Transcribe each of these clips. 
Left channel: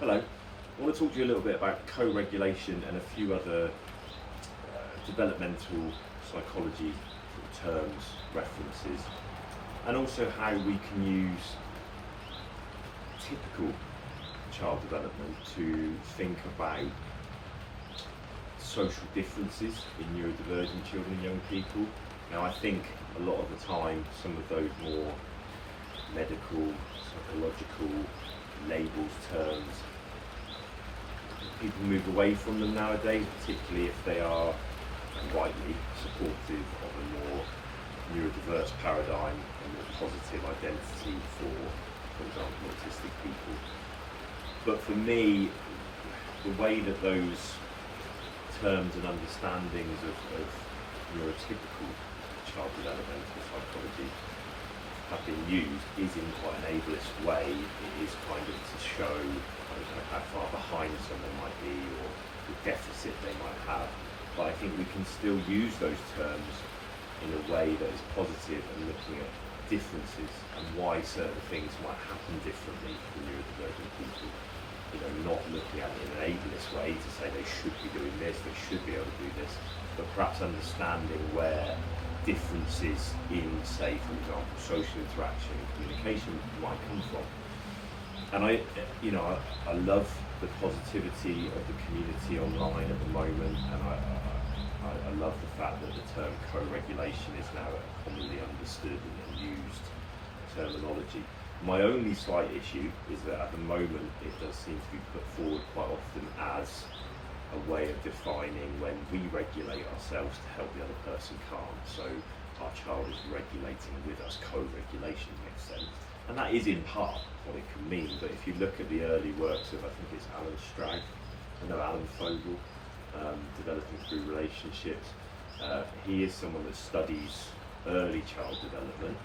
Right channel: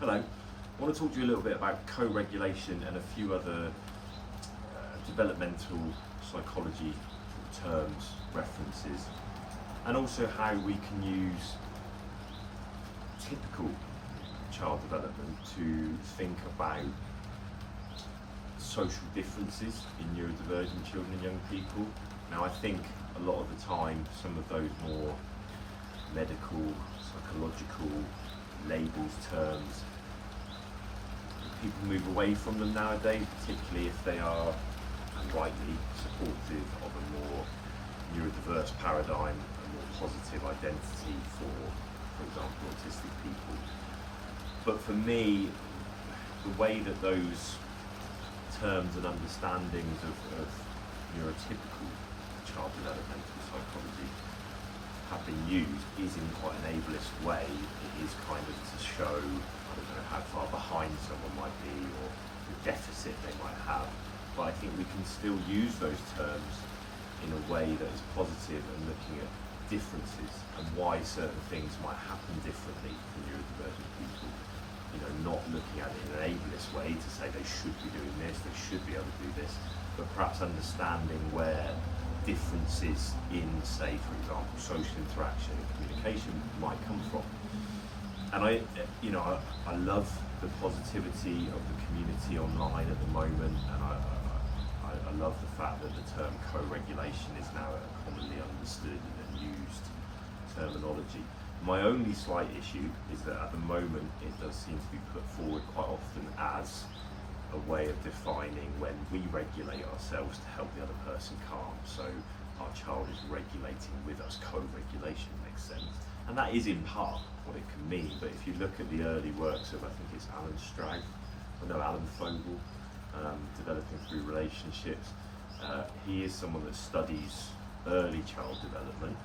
Hello. I want to talk to you a little bit about co-regulation and a few other developmental psychology terms, references, and also how we can use typical child development to think about social differences in neurodivergent children and young people. Now, I think a lot of the time some of those more medical, psychological labels, terms, people move away from them nowadays, particularly if they are, and rightly, supportive of a more neurodiverse paradigm, a more positive identity for example, autistic people. But for me, the way that those terms and understandings of neurotypical child developmental psychology have been used is in quite an ableist way. It is kind of to show, I don't know, how far behind someone might be or the deficit they might have. But I think we can still use those terms in a way that is positive and looking at differences and why certain things might happen differently for neurodivergent people. You know, not looking at it in an ableist way to say they should be doing this, they should be able to do this, but perhaps understanding where differences in, say, for example, social interaction and communication might come from. And I love the positivity of the community online at the moment, and I love the fact that the term co-regulation is now a commonly understood and used terminology. My only slight issue is that at the moment it does seem to be put forward quite often as a way of defining when we regulate ourselves to help the other person calm. So our child is regulating with us, co-regulation makes sense. And that is in part what it can mean, but if you look at the early works of, I think it's Alan Fogel, developing through relationships, he is someone that studies early child development.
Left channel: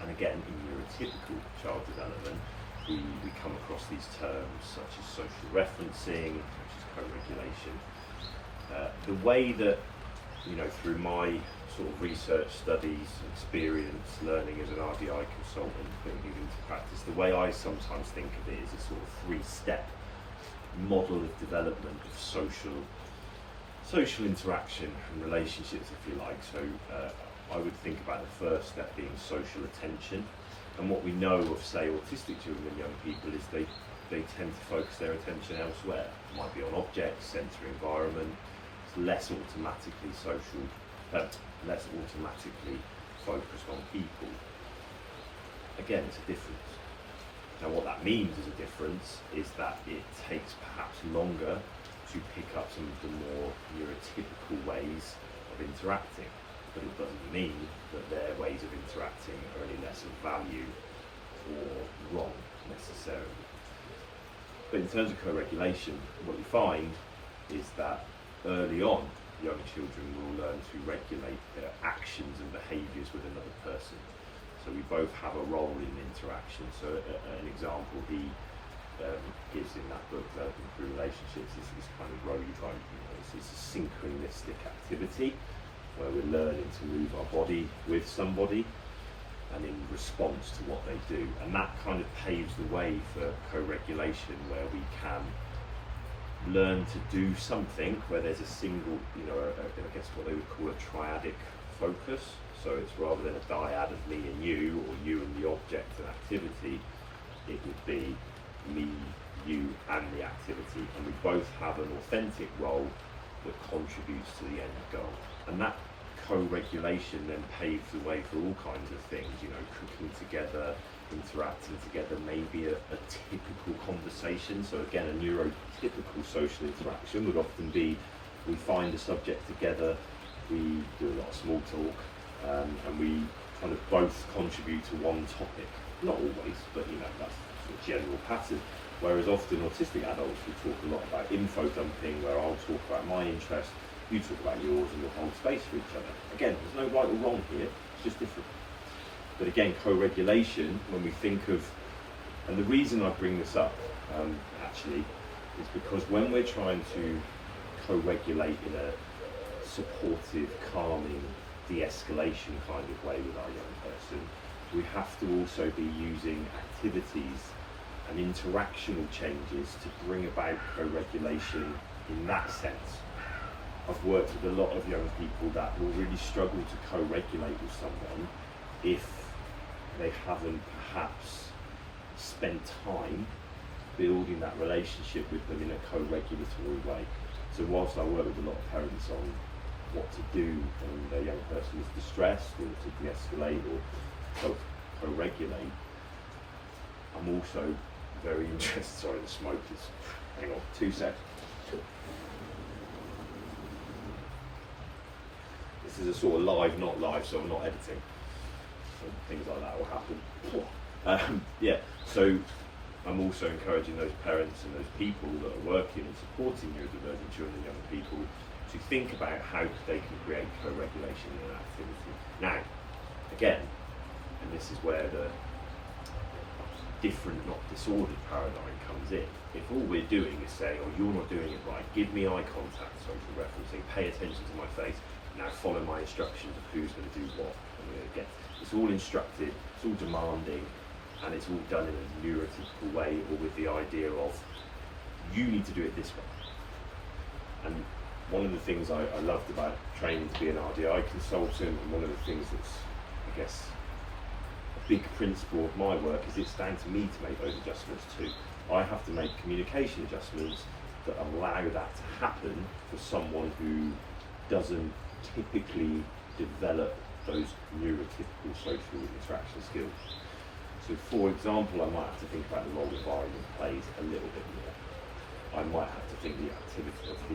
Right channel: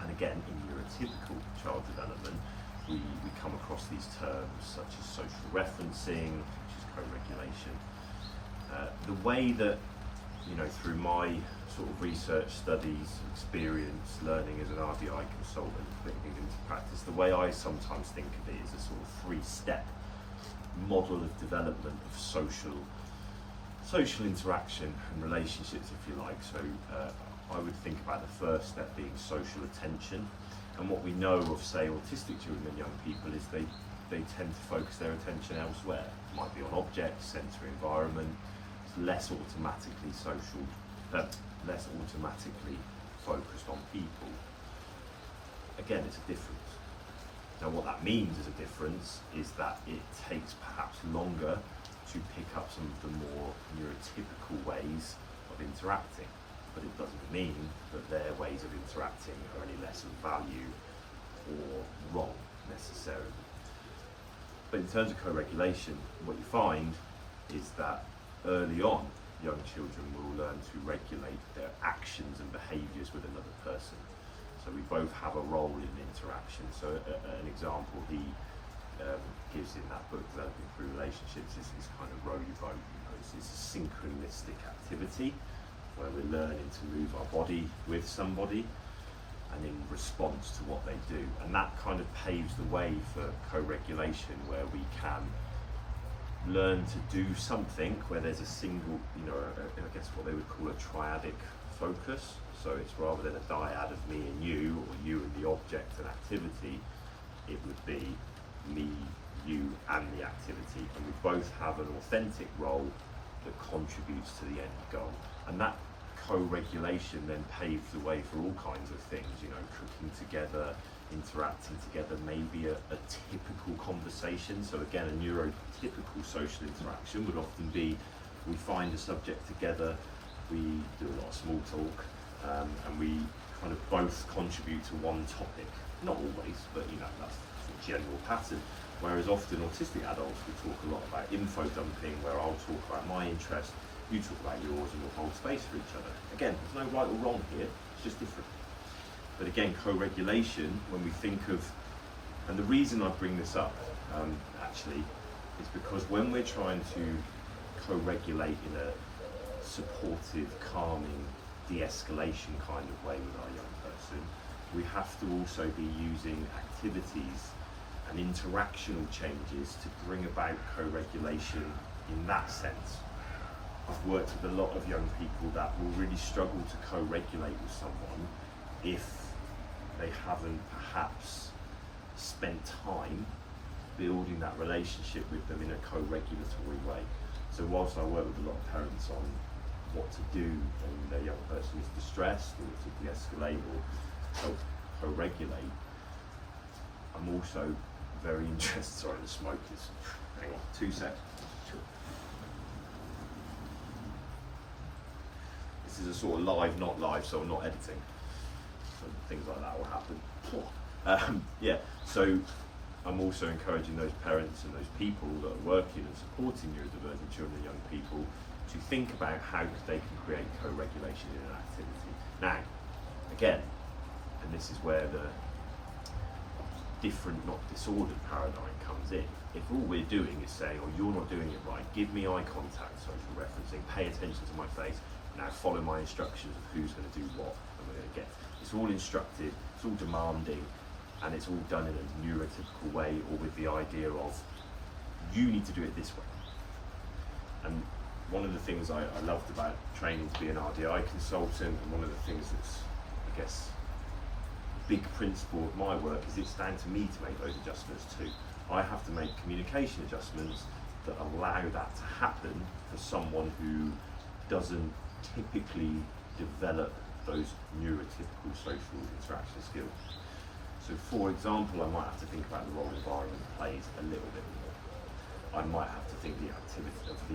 And again, in neurotypical child development, we come across these terms such as social referencing, such as co-regulation. The way that, through my sort of research, studies, experience, learning as an RDI consultant, putting things into practice, the way I sometimes think of it is a sort of three-step model of development of social interaction and relationships, if you like. So I would think about the first step being social attention. And what we know of, say, autistic children and young people is they tend to focus their attention elsewhere. It might be on objects, sensory environment, less automatically focused on people. Again, it's a difference. Now what that means as a difference is that it takes perhaps longer to pick up some of the more neurotypical ways of interacting. But it doesn't mean that their ways of interacting are any less of value or wrong necessarily. But in terms of co-regulation, what you find is that early on, young children will learn to regulate their actions and behaviours with another person. So we both have a role in interaction. So an example he gives in that book, Developing Through Relationships, is kind of row you boat. It's a synchronistic activity where we're learning to move our body with somebody and in response to what they do. And that kind of paves the way for co-regulation, where we can learn to do something where there's a single, I guess what they would call a triadic focus. So it's rather than a dyad of me and you, or you and the object and activity, it would be me, you and the activity. And we both have an authentic role that contributes to the end goal. And that co-regulation then paves the way for all kinds of things, cooking together, interacting together, maybe a typical conversation. So again, a neurotypical social interaction would often be, we find a subject together, we do a lot of small talk, and we kind of both contribute to one topic. Not always, but that's the general pattern. Whereas often autistic adults will talk a lot about info dumping, where I'll talk about my interest, you talk about yours, and we'll hold space for each other. Again, there's no right or wrong here, it's just different. But again, co-regulation, when we think of, and the reason I bring this up actually, is because when we're trying to co-regulate in a supportive, calming, de-escalation kind of way with our young person, we have to also be using activities and interactional changes to bring about co-regulation in that sense. I've worked with a lot of young people that will really struggle to co-regulate with someone if they haven't perhaps spent time building that relationship with them in a co-regulatory way. So whilst I work with a lot of parents on what to do when their young person is distressed or to de-escalate or to co-regulate, I'm also very interested, sorry the smoke is, hang on, 2 seconds. This is a sort of live, not live, so I'm not editing. So things like that will happen. Yeah, so I'm also encouraging those parents and those people that are working and supporting neurodivergent children and young people to think about how they can create co-regulation in an activity. Now, again, and this is where the different, not disordered paradigm comes in. If all we're doing is saying, oh, you're not doing it right, give me eye contact, social referencing, pay attention to my face, now follow my instructions of who's going to do what, and we're going to get. It's all instructed, it's all demanding, and it's all done in a neurotypical way, or with the idea of, you need to do it this way. And one of the things I loved about training to be an RDI consultant, and one of the things that's, I guess, a big principle of my work is it's down to me to make those adjustments too. I have to make communication adjustments that allow that to happen for someone who doesn't typically develop those neurotypical social interaction skills. So for example, I might have to think about the role environment plays a little bit more. I might have to think the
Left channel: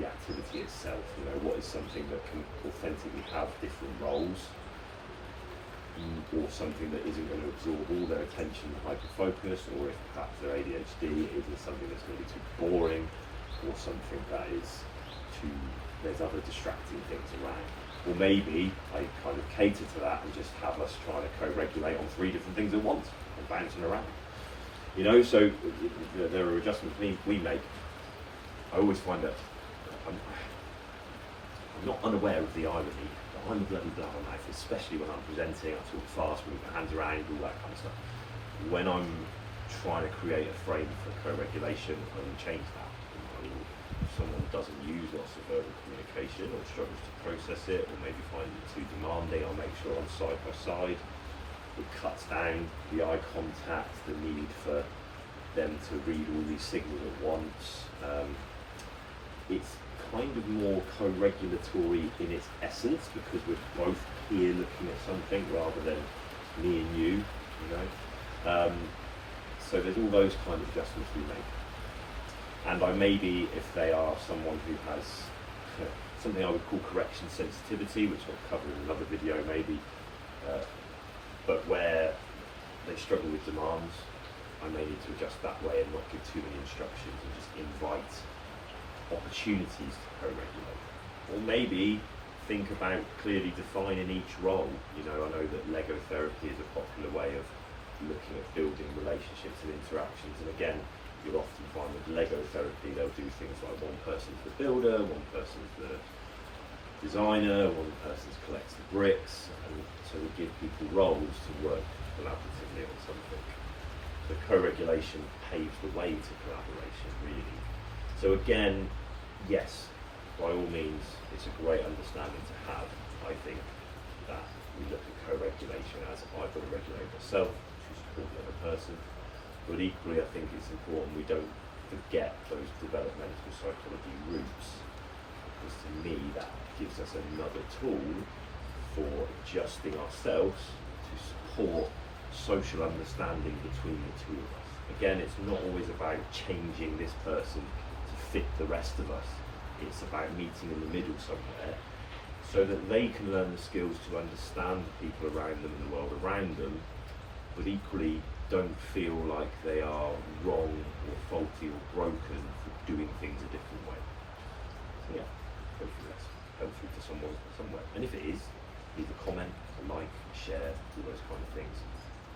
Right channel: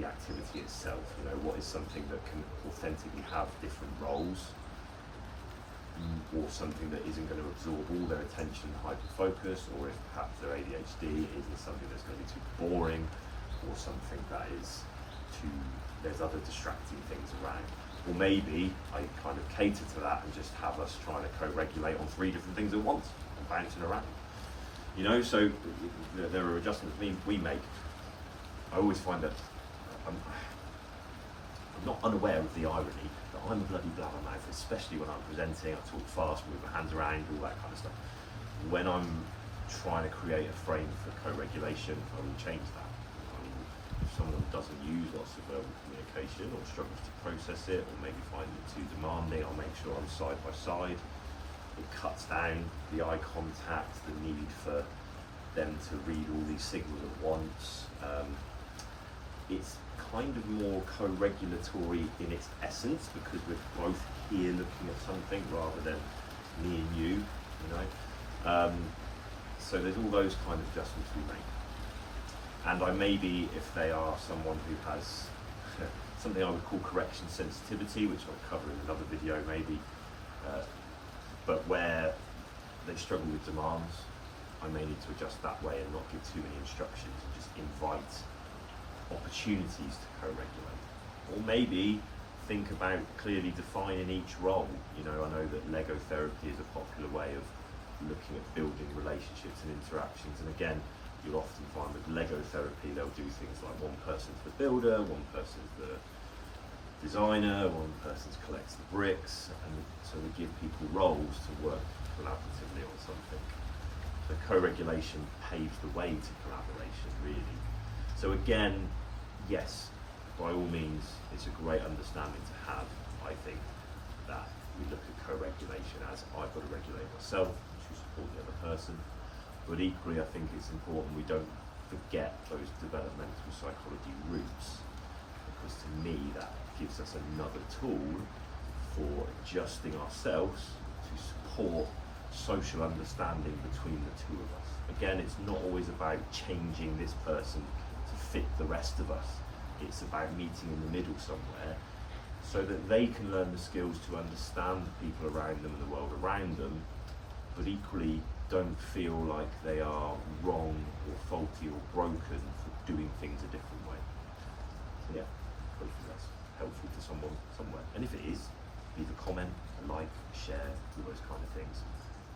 activity itself, you know, what is something that can authentically have different roles, or something that isn't going to absorb all their attention and hyper-focus, or if perhaps their ADHD isn't something that's going to be too boring, or something that is there's other distracting things around. Or maybe I kind of cater to that and just have us trying to co-regulate on 3 different things at once and bouncing around. You know, so there are adjustments we make. I always find that I'm not unaware of the irony that I'm a bloody blabbermouth, especially when I'm presenting. I talk fast, move my hands around, all that kind of stuff. When I'm trying to create a frame for co-regulation, I will change that. If someone doesn't use lots of verbal communication or struggles to process it, or maybe finds it too demanding, I'll make sure I'm side by side. It cuts down the eye contact, the need for them to read all these signals at once. It's kind of more co-regulatory in its essence, because we're both here looking at something rather than me and you know. So there's all those kind of adjustments we make. And I maybe, if they are someone who has something I would call correction sensitivity, which I'll cover in another video maybe, but where they struggle with demands, I may need to adjust that way and not give too many instructions and just invite opportunities to co-regulate. Or maybe think about clearly defining each role. You know, I know that Lego therapy is a popular way of looking at building relationships and interactions, and again, you'll often find with Lego therapy they'll do things like one person's the builder, one person's the designer, one person collects the bricks, and so we give people roles to work collaboratively on something. The co-regulation paves the way to collaboration, really. So again, yes, by all means, it's a great understanding to have, I think, that we look at co-regulation as I've got to regulate myself to support the other person. But equally, I think it's important we don't forget those developmental psychology roots, because to me that gives us another tool for adjusting ourselves to support social understanding between the two of us. Again, it's not always about changing this person to fit the rest of us. It's about meeting in the middle somewhere so that they can learn the skills to understand the people around them and the world around them, but equally don't feel like they are wrong or faulty or broken for doing things a different way. So yeah, hopefully that's helpful to someone somewhere. And if it is, leave a comment, a like, a share, all those kind of things.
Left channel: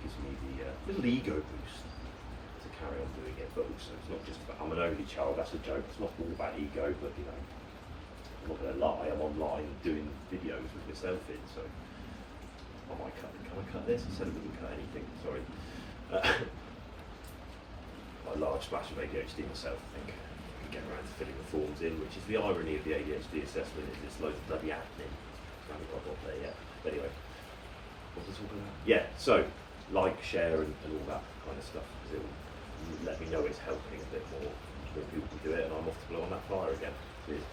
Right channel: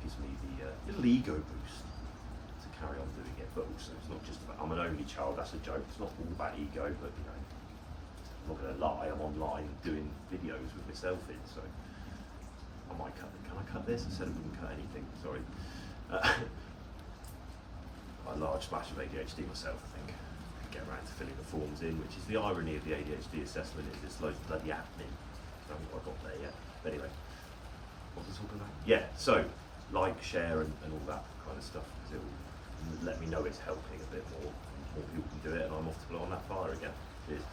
Gives me the little ego boost to carry on doing it. But also, it's not just about, I'm an only child, that's a joke. It's not all about ego, but you know, I'm not going to lie, I'm online doing videos with myself in, so I might cut, can I cut this? I said I wouldn't cut anything, sorry. I I've splashed with ADHD myself, I think. I can get around to filling the forms in, which is the irony of the ADHD assessment, is it's loads of bloody admin. I haven't quite got there yet. But anyway, what was I talking about? Yeah, so like, share, and all that kind of stuff, because it will let me know it's helping a bit more. More people can do it, and I'm off to blow on that fire again. Cheers.